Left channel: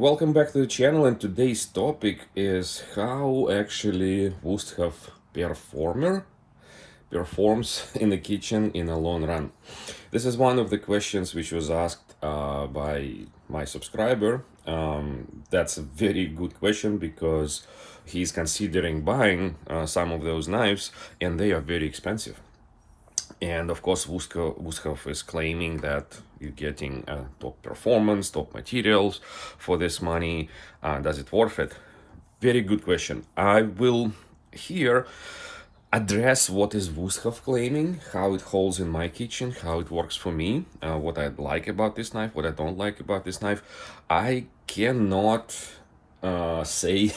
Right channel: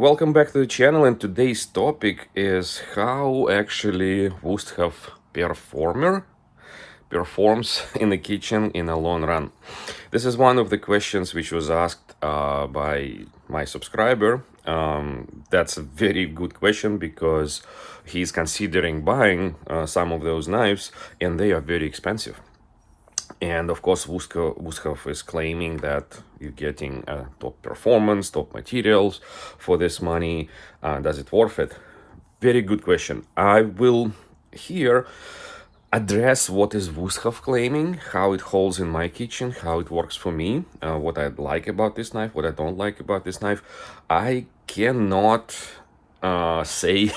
welcome back to the channel, and today's topic is how actually Wusthof Performer performs in the kitchen in a long run. This is one of the questions which was asked by my subscriber. That's a very good question because he's considering buying some of those knives and they are very expensive. And of course, Wusthof is claiming that you're getting top performance, top materials for this money. Does it worth it? Very good question. I will here address what is Wusthof claiming, how it holds in my kitchen, how it works for me, what I like about this knife, what I don't like about this knife. I cannot say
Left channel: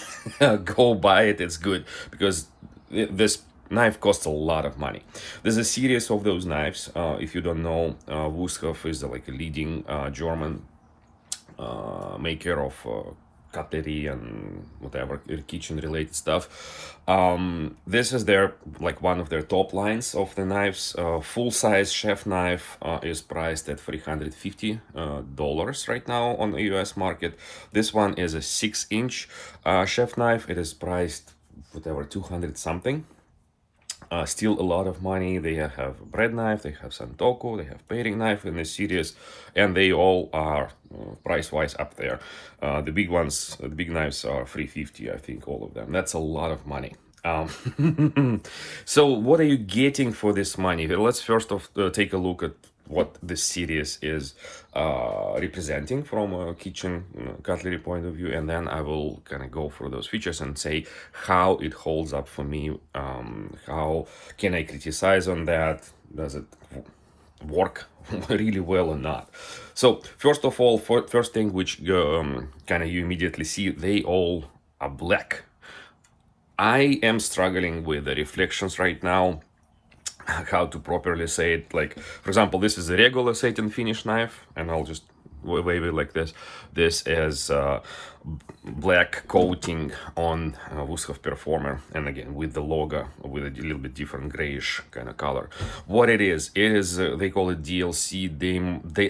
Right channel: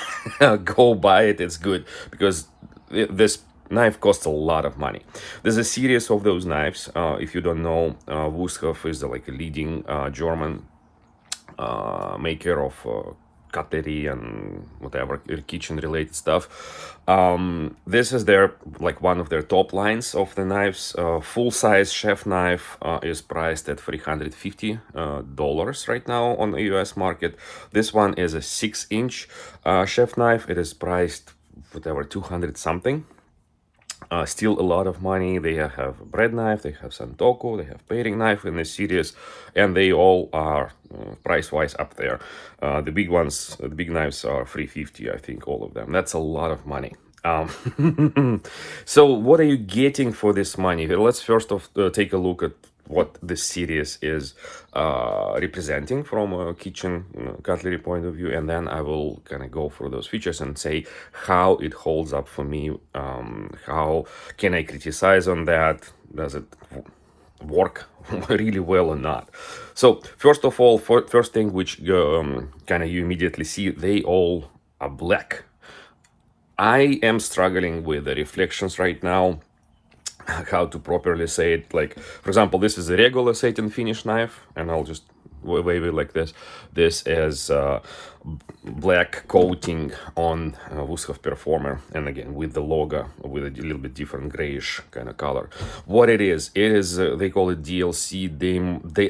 go buy it, it's good, because this knife costs a lot of money. There's a series of those knives. If you don't know, Wusthof is like a leading German maker of cutlery and whatever kitchen related stuff. This is their like one of their top lines of the knives. Full-size chef knife is priced at $350 right now on the US market. This one is a 6-inch chef knife. It is priced whatever 200 something. Still a lot of money. They have a bread knife, they have santoku, they have paring knife in this series, and they all are price-wise up there. The big ones, the big knives are $350, I think, all of them. That's a lot of money. So what are you getting for this money? Let's first off take a look at what this series is representing from a kitchen cutlery point of view, and then I will kind of go through those features and say how it holds up for me. How can I criticize on that? Does it work really well or not? So first of all, first thing which kind of you immediately see, they all are black. I am struggling with the reflections right now, how to properly say it. Like, for example, this is a regular satin finish knife, and I'll just wave it like this. This is black coating on Wusthof Performer, and again with the logo with a little bit different grayish kind of color. What it is they call it DLC,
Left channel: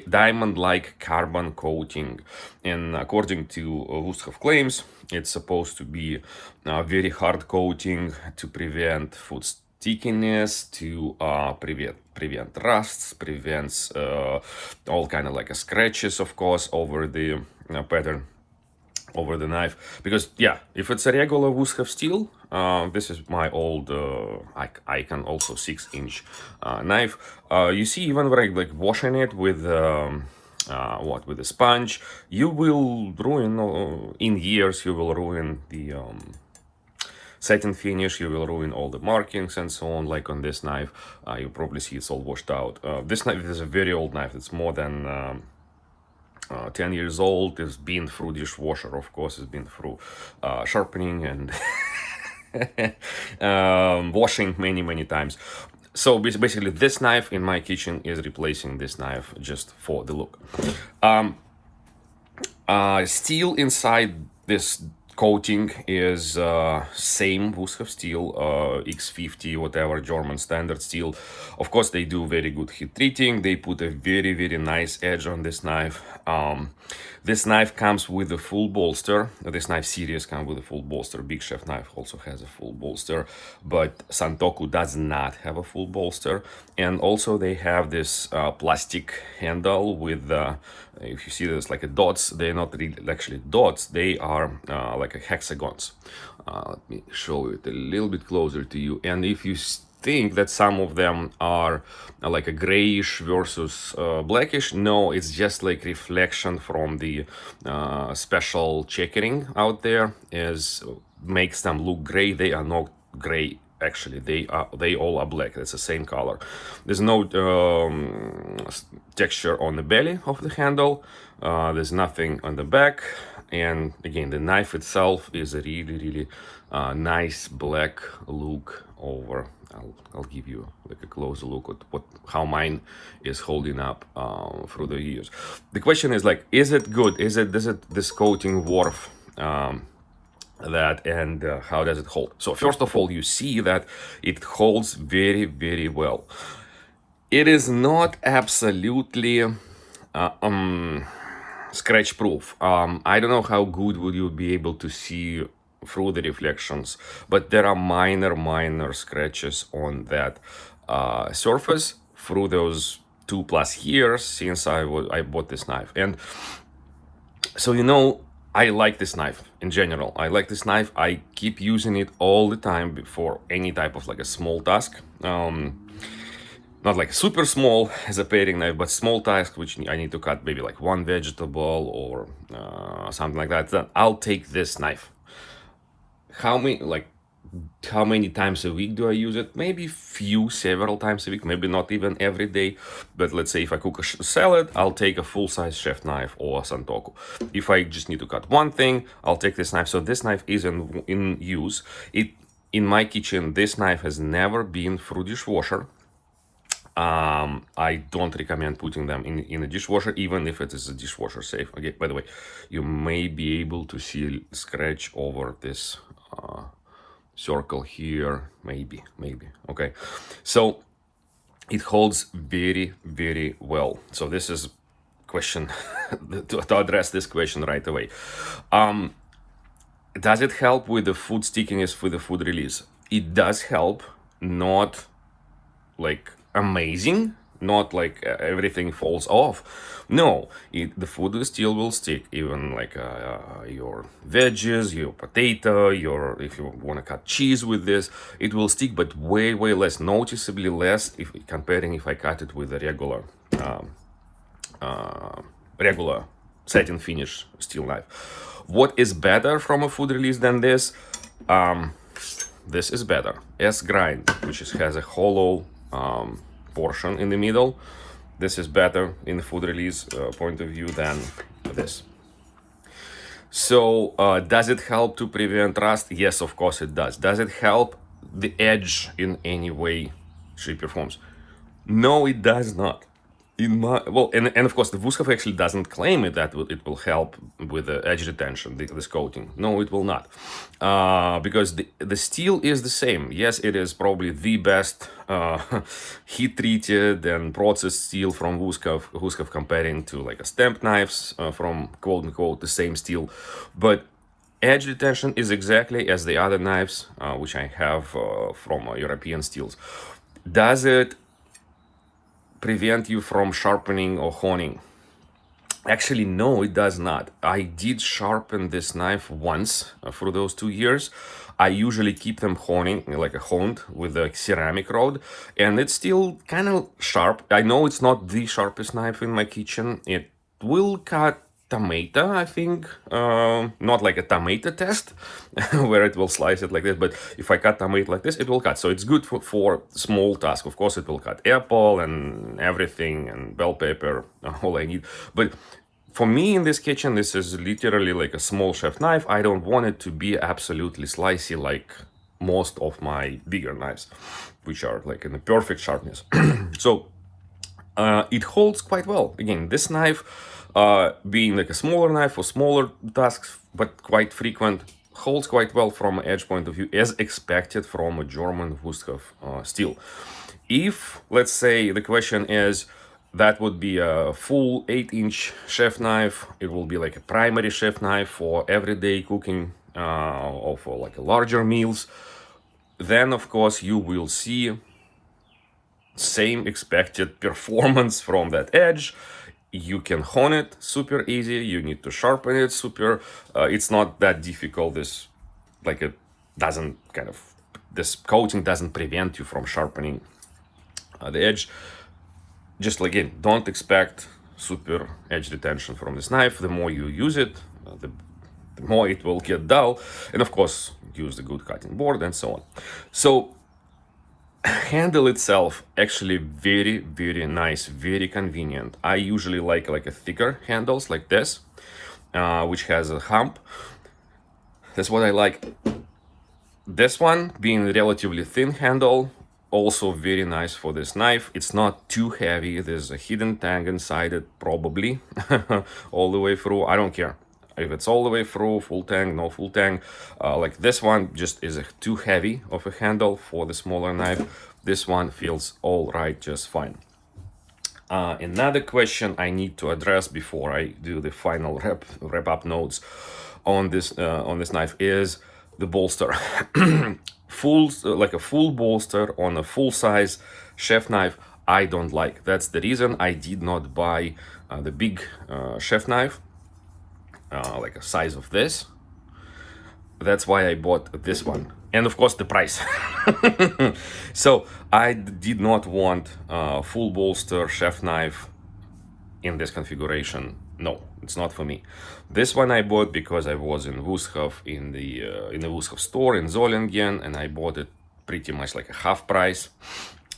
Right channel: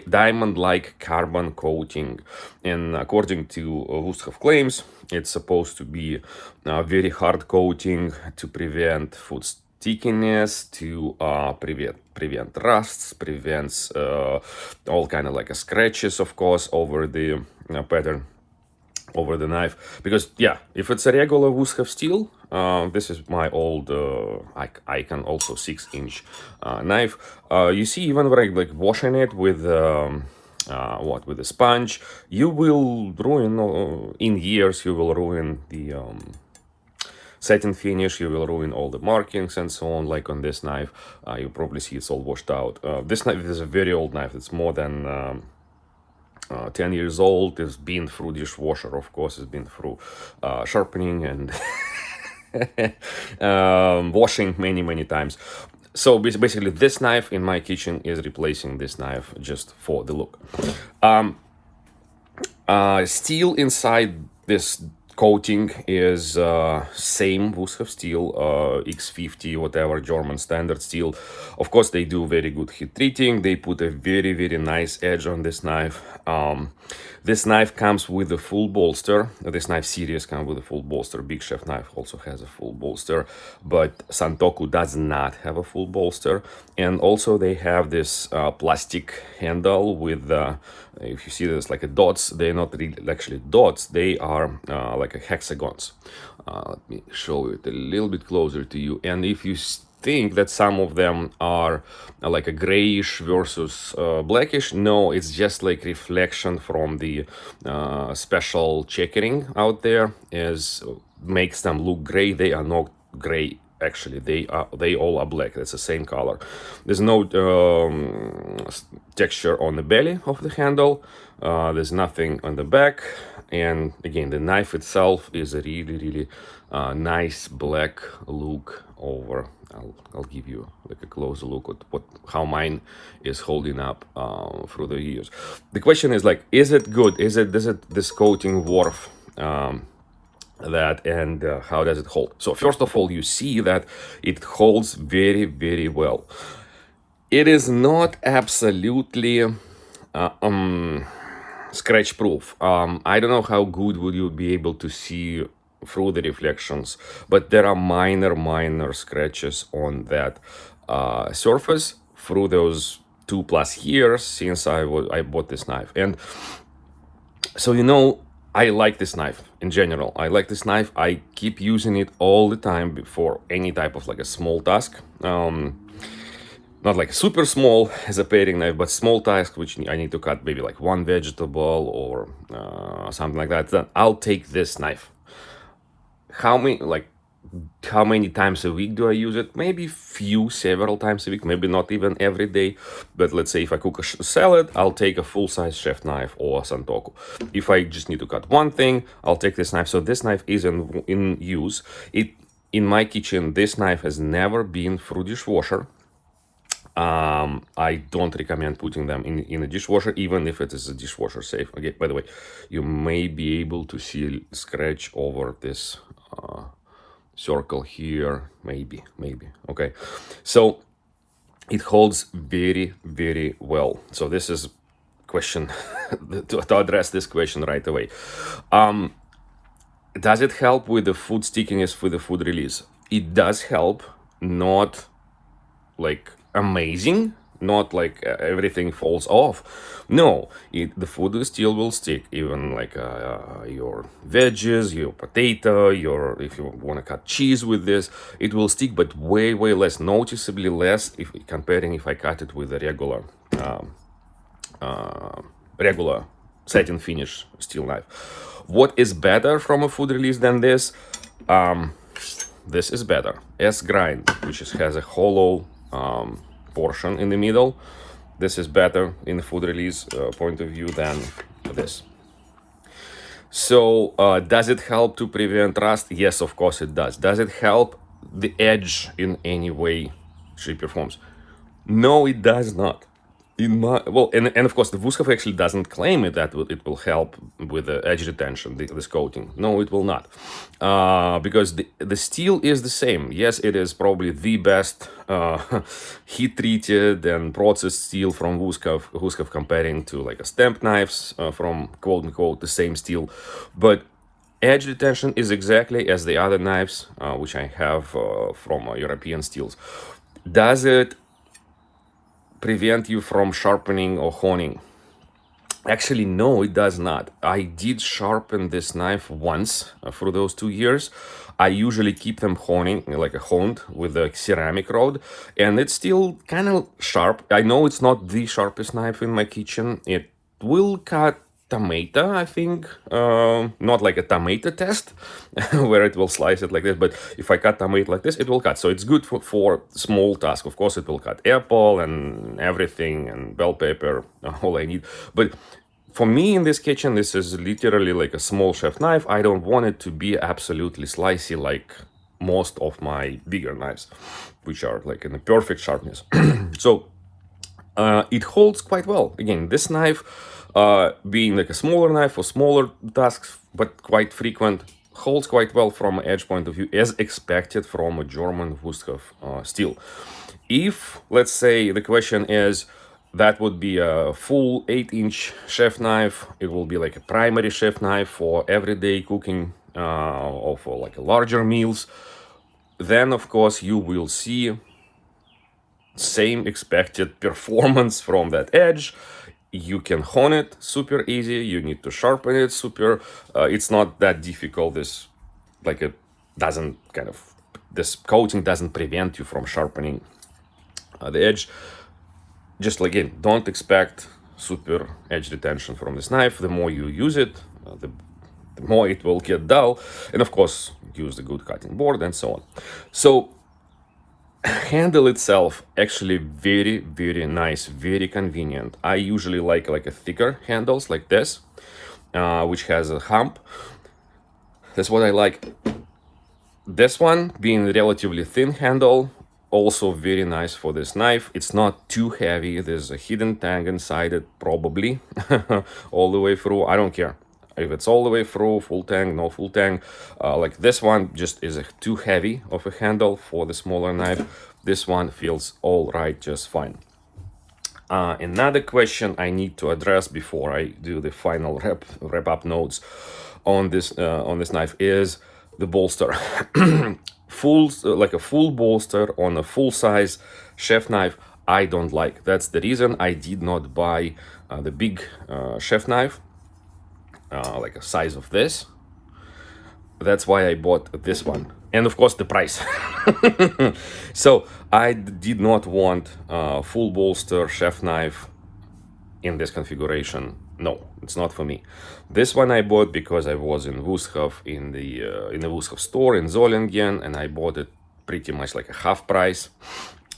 diamond-like carbon coating, and according to Wusthof claims, it's supposed to be a very hard coating to prevent food stickiness, to prevent rusts, prevents all kind of like scratches, of course, over the pattern, over the knife. Because yeah, if it's a regular Wusthof steel, this is my old Icon, also 6-inch knife. You see, even when I like washing it with with a sponge, you will ruin in years. You will ruin the satin finish, you will ruin all the markings and so on. Like on this knife, you probably see it's all washed out. This knife is a very old knife. It's more than 10 years old. It's been through dishwasher, of course. It's been through sharpening and washing many times. So basically, this knife in my kitchen is replacing this knife just for the look. Steel inside this coating is same Wusthof steel, X50, whatever, German standard steel. Of course, they do very good heat treating. They put a very nice edge on this knife. This knife comes with a full bolster. This knife series comes with a full bolster. Big Chef knife also has a full bolster, but Santoku does not have a full bolster. And also they have this plastic handle with if you see this like a dots, they're not really actually dots, they are like a hexagons. Let me show it a little bit closer to you. And if you think that some of them are like a grayish versus blackish, no, it's just like reflection from the special checkering out there makes them look gray. They are not gray, actually. They all are black. It's the same color. There's no texture on the belly of the handle. There's nothing on the back, and again, the knife itself is a really nice black look over. I'll give you like a closer look at how mine is holding up through the years. The question is like, is it good? Does this coating worth that, and how does it hold? So first of all, you see that it holds very well. It is not absolutely scratch proof. I don't know how good would you be able to see through the reflections, but there are minor scratches on that surface through those 2+ years since I bought this knife. And so, I like this knife in general. I like this knife. I keep using it all the time for any type of like a small task. Not like super small as a paring knife, but small task which I need to cut maybe like one vegetable or something like that. Then I'll take this knife. How many times a week do I use it? Maybe several times a week, maybe not even every day. But let's say if I cook a salad, I'll take a full-size chef knife or santoku. If I just need to cut one thing, I'll take this knife. So this knife is in use. In my kitchen, this knife has never been through dishwasher. I don't recommend putting them in a dishwasher, even if it is a dishwasher safe. Okay, by the way, you may be able to see scratch over this circle here, maybe. Okay, so it holds very well. So this is question to address this question right away. Does it help with the food stickiness, with the food release? It does help, not like amazing, not like everything falls off. No, the food still will stick, even like your veggies, your potato, if you want to cut cheese with this, it will stick, but way less, noticeably less if I cut it with a regular satin finish steel knife. What is better from a food release than this? This is better. S-grind, which has a hollow portion in the middle. This is better in the food release point of view than this. So does it help to prevent rust? Yes, of course it does. Does it help the edge in any way she performs? No, it does not. And of course the Wusthof actually doesn't claim that it will help with the edge retention, this coating. No, it will not, because the steel is the same. Yes, it is probably the best heat treated and processed steel from Wusthof comparing to like a stamp knives from quote unquote the same steel, but edge retention is exactly as the other knives which I have from European steels. Does it prevent you from sharpening or honing? Actually, no, it does not. I did sharpen this knife once through those 2 years. I usually keep them honed with a ceramic rod, and it's still kind of sharp. I know it's not the sharpest knife in my kitchen. It will cut tomato, I think, not like a tomato test where it will slice it like this, but if I cut tomato like this, it will cut. So it's good for small tasks. Of course, it will cut apple and everything and bell pepper, all I need. But for me in this kitchen, this is literally like a small chef knife. I don't want it to be absolutely slicey like most of my bigger knives, which are like in a perfect sharpness. So it holds quite well. Again, this knife, being like a smaller knife for smaller tasks, but quite frequent, holds quite well from an edge point of view, as expected from a German Wusthof steel. If, let's say, the question is, that would be a full 8-inch chef knife, it will be like a primary chef knife for everyday cooking or for like a larger meals, then of course you will see same expected performance from that edge. You can hone it super easy. You need to sharpen it super. It's not that difficult. This coating doesn't prevent you from sharpening the edge. Just again, don't expect super edge retention from this knife. The more you use it, the more it will get dull. And of course, use the good cutting board and so on. So handle itself actually very nice, very convenient. I usually like a thicker handles like this, which has a hump. That's what I like. This one being a relatively thin handle, also very nice for this knife. It's not too heavy. There's a hidden tang inside it, probably all the way through. I don't care if it's all the way through, full tang, no full tang. Like this one just is too heavy of a handle for the smaller knife. This one feels all right, just fine. Another question I need to address before I do the final wrap up notes on this knife is the bolster. Like a full bolster on a full size chef knife, I don't like. That's the reason I did not buy the big chef knife, like a size of this. That's why I bought this one, and of course the price. So I did not want full bolster chef knife in this configuration. No, it's not for me. This one I bought because I was in Wusthof, in the Wusthof store in Zollingen, and I bought it pretty much like a half price.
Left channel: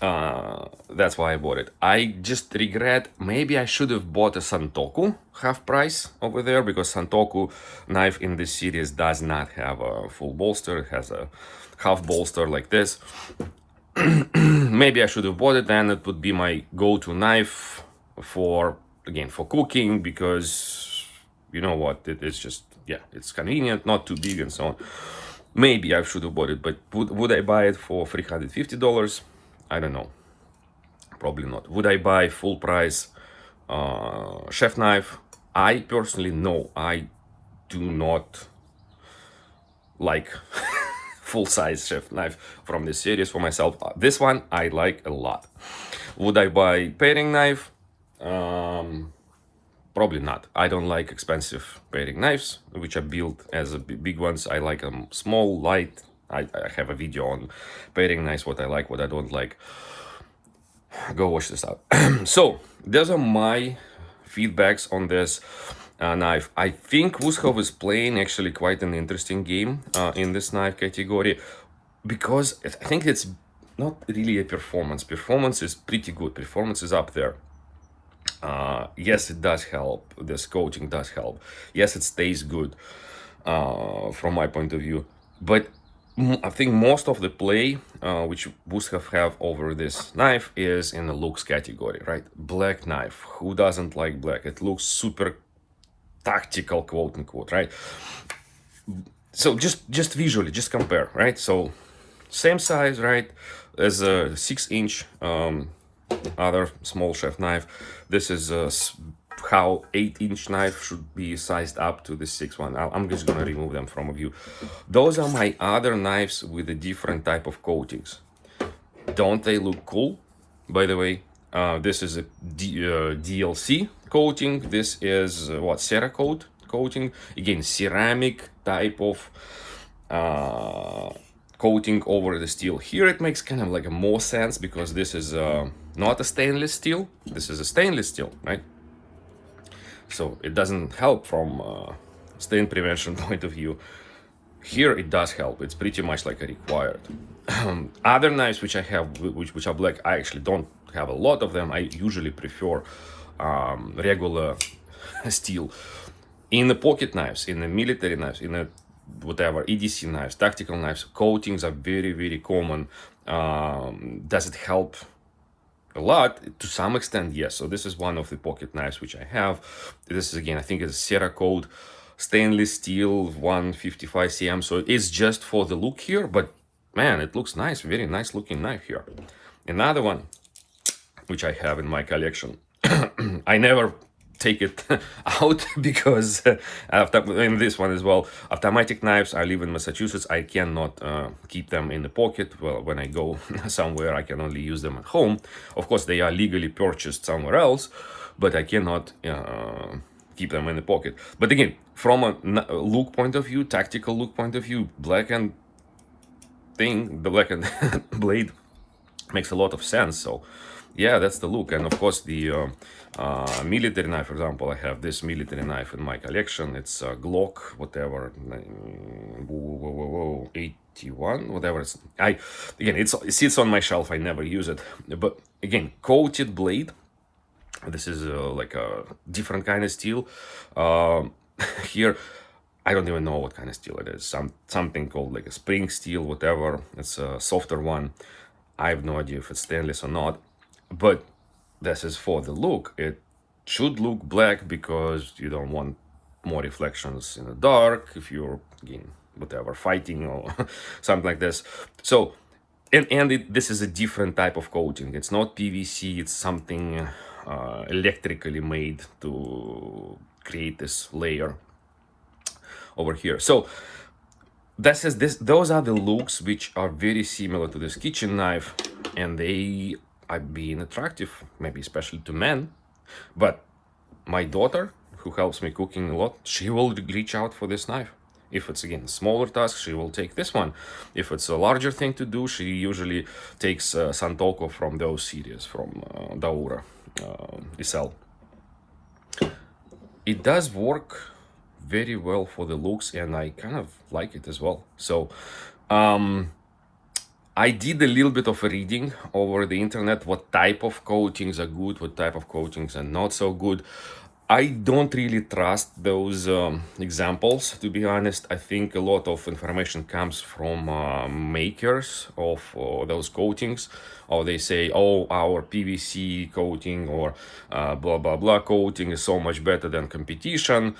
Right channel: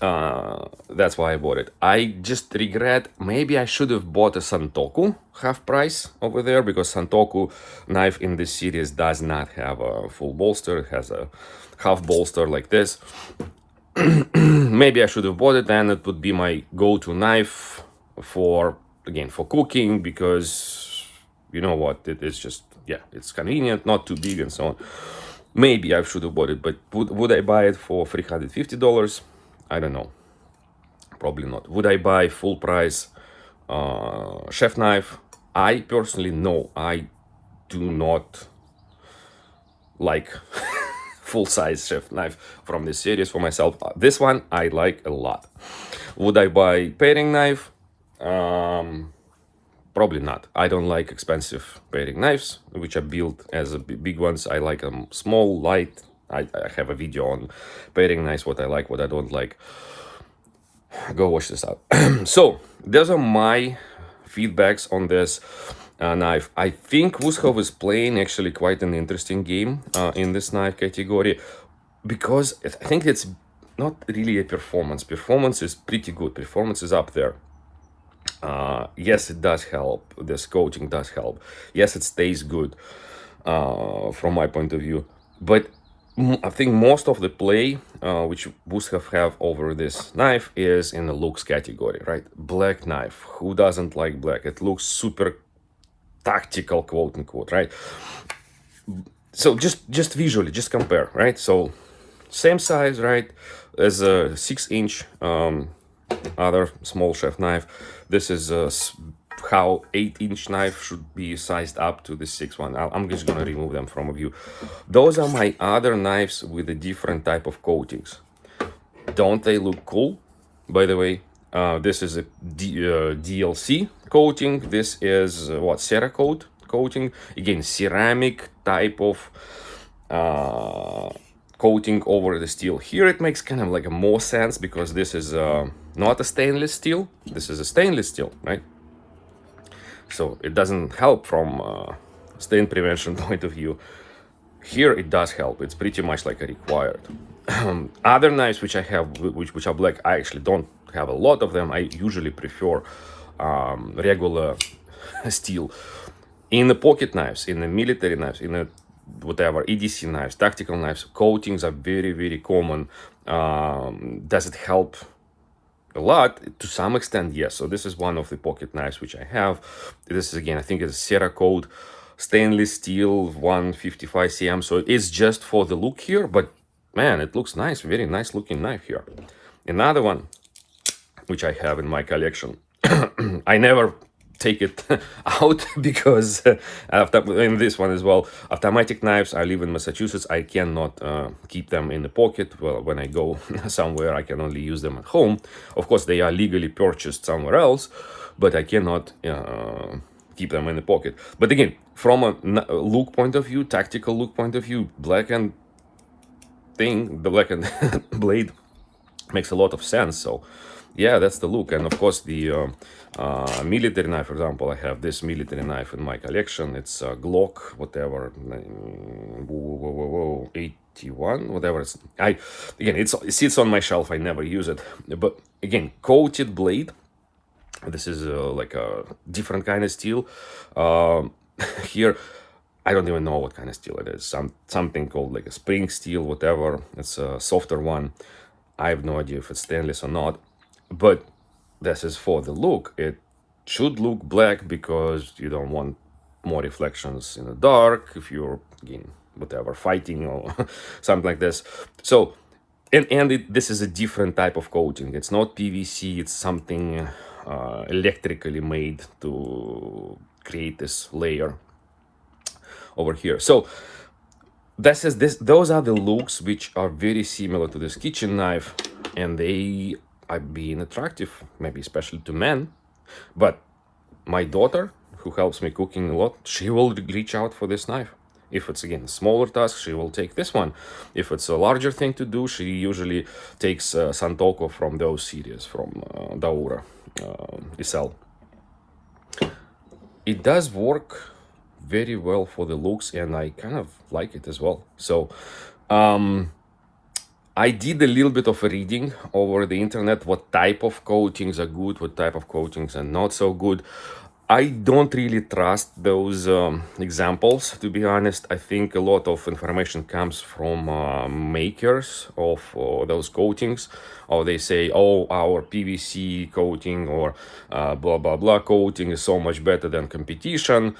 That's why I bought it. I just regret, maybe I should have bought a Santoku half price over there, because Santoku knife in this series does not have a full bolster. It has a half bolster like this. Maybe I should have bought it, and it would be my go-to knife for, again, for cooking, because you know what, it's just, yeah, it's convenient, not too big and so on. Maybe I should have bought it, but would I buy it for $350? I don't know. Probably not. Would I buy full price chef knife? I personally, no, I do not like full size chef knife from this series for myself. This one I like a lot. Would I buy paring knife? Probably not. I don't like expensive paring knives, which are built as big ones. I like them small, light. I have a video on paring knives, what I like, what I don't like. Go watch this out. So those are my feedbacks on this knife. I think Wusthof is playing actually quite an interesting game in this knife category, because I think it's not really a performance. Performance is pretty good. Performance is up there. Yes, it does help. This coating does help. Yes, it stays good from my point of view. But I think most of the play which Wusthof have over this knife is in the looks category, right? Black knife. Who doesn't like black? It looks super tactical, quote unquote, right? So just visually, just compare, right? So same size, right? As a 6-inch other small chef knife. This is how 8-inch knife should be sized up to the 6 one. I'm just gonna remove them from view. Those are my other knives with a different type of coatings. Don't they look cool? By the way, this is a DLC coating. This is what, Cerakote coating. Again, ceramic type of coating over the steel. Here it makes kind of like a more sense, because this is not a stainless steel. This is a stainless steel, right? So it doesn't help from stain prevention point of view. Here it does help. It's pretty much like a required. Other knives which I have, which are black, I actually don't have a lot of them. I usually prefer regular steel. In the pocket knives, in the military knives, in the whatever, EDC knives, tactical knives, coatings are very, very common. Does it help? A lot, to some extent, yes. So this is one of the pocket knives which I have. This is, again, I think it's Cerakote stainless steel 155 cm. So it's just for the look here, but man, it looks nice. Very nice looking knife here. Another one which I have in my collection. I never take it out because after this one as well, automatic knives. I live in Massachusetts. I cannot keep them in the pocket. Well, when I go somewhere, I can only use them at home. Of course, they are legally purchased somewhere else, but I cannot keep them in the pocket. But again, from a look point of view, tactical look point of view, blackened thing, the blackened blade makes a lot of sense. So yeah, that's the look. And of course, the military knife, for example, I have this military knife in my collection. It's a Glock, whatever, 81, whatever. Again, it sits on my shelf. I never use it. But again, coated blade. This is like a different kind of steel. Here, I don't even know what kind of steel it is. Something called like a spring steel, whatever. It's a softer one. I have no idea if it's stainless or not. But this is for the look. It should look black because you don't want more reflections in the dark if you're, again, whatever, fighting or something like this. So, this is a different type of coating. It's not PVC. It's something electrically made to create this layer over here. So those are the looks which are very similar to this kitchen knife, and they are being attractive, maybe especially to men. But my daughter, who helps me cooking a lot, she will reach out for this knife. If it's, again, smaller task, she will take this one. If it's a larger thing to do, she usually takes Santoko from those series, from Daura, Isel. It does work very well for the looks, and I kind of like it as well. So I did a little bit of reading over the internet, what type of coatings are good, what type of coatings are not so good. I don't really trust those examples, to be honest. I think a lot of information comes from makers of those coatings, or they say, oh, our PVC coating or blah blah blah coating is so much better than competition.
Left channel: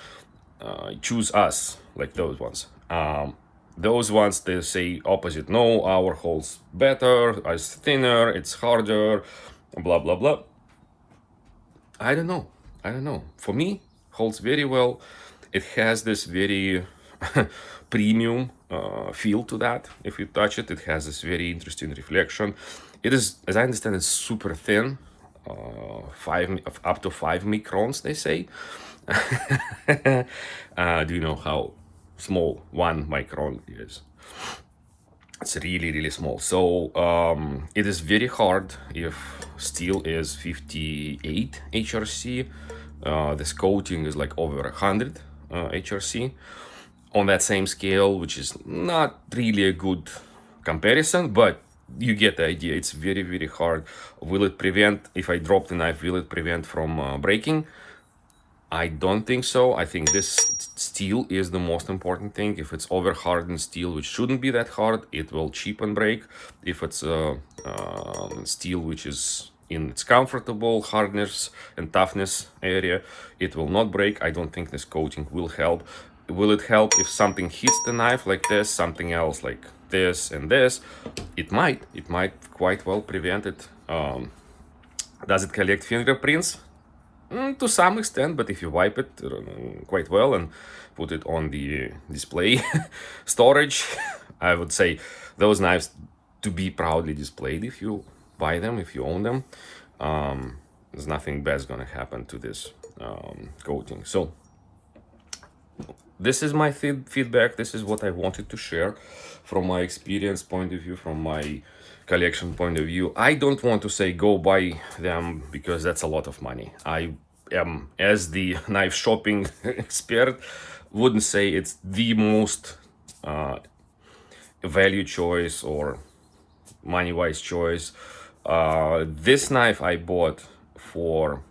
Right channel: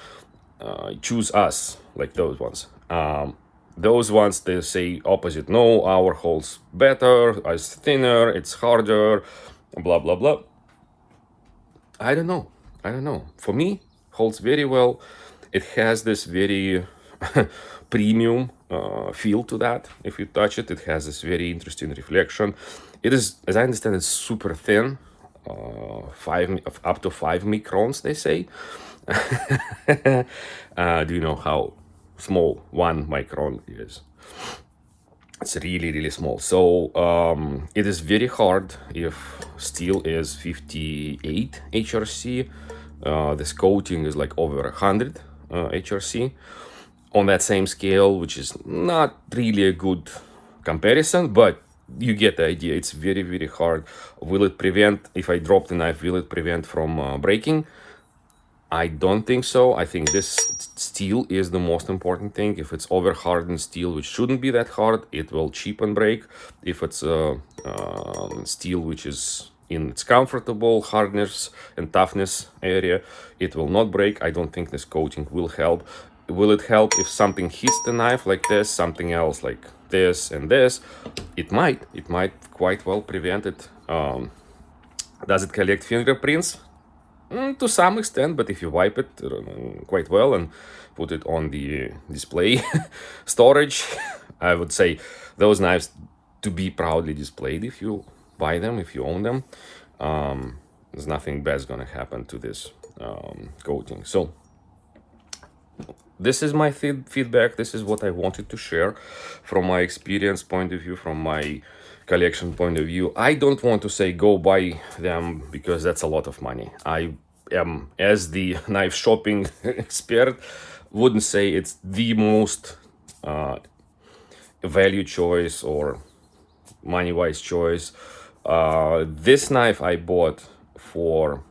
Choose us, like those ones. Those ones, they say opposite. No, our holds better, it's thinner, it's harder, blah blah blah. I don't know. For me, holds very well. It has this very premium feel to that. If you touch it, it has this very interesting reflection. It is, as I understand, it's super thin, up to 5 microns, they say. Do you know how small 1 micron is? It's really, really small. So it is very hard if steel is 58 HRC. This coating is like over 100 HRC on that same scale, which is not really a good comparison, but you get the idea. It's very, very hard. Will it prevent, if I drop the knife, will it prevent from breaking? I don't think so. I think this steel is the most important thing. If it's over hardened steel, which shouldn't be that hard, it will chip and break. If it's steel which is in its comfortable hardness and toughness area, it will not break. I don't think this coating will help. Will it help if something hits the knife like this, something else like this and this? It might quite well prevent it. Does it collect fingerprints? To some extent, but if you wipe it quite well and put it on the display storage, I would say those knives to be proudly displayed if you buy them, if you own them. There's nothing bad's gonna happen to this coating. So this is my feedback. This is what I wanted to share from my experience point of view, from my collection point of view. I don't want to say go buy them because that's a lot of money. I am, as the knife shopping expert, wouldn't say it's the most value choice or money-wise choice. This knife I bought for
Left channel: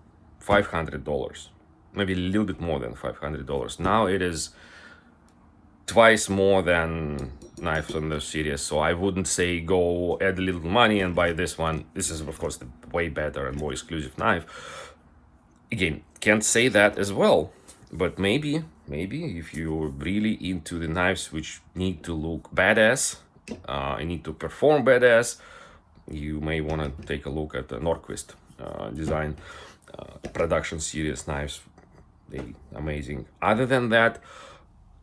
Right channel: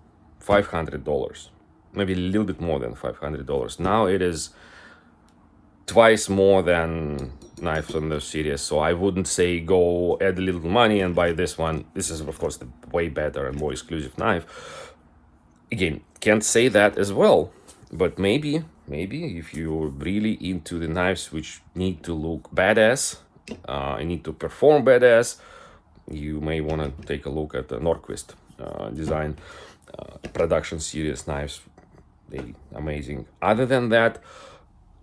$500, maybe a little bit more than $500. Now it is twice more than knife from the series, so I wouldn't say go add a little money and buy this one. This is, of course, the way better and more exclusive knife. Again, can't say that as well, but maybe if you're really into the knives which need to look badass, need to perform badass, you may want to take a look at the Norquist design production series knives. They're amazing. Other than that,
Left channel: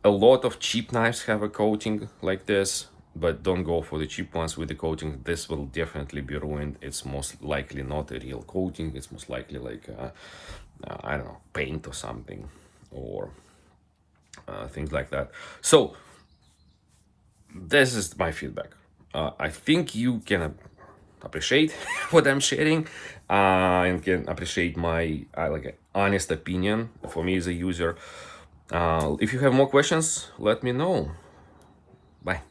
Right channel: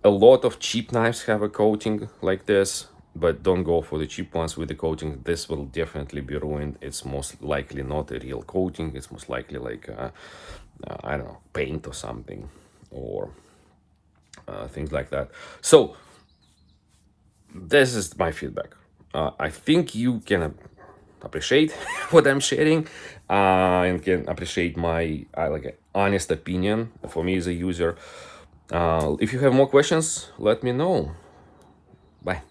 a lot of cheap knives have a coating like this, but don't go for the cheap ones with the coating. This will definitely be ruined. It's most likely not a real coating. It's most likely like I don't know, paint or something, or things like that. So this is my feedback. I think you can appreciate what I'm sharing and can appreciate my like honest opinion for me as a user. If you have more questions, let me know. Bye.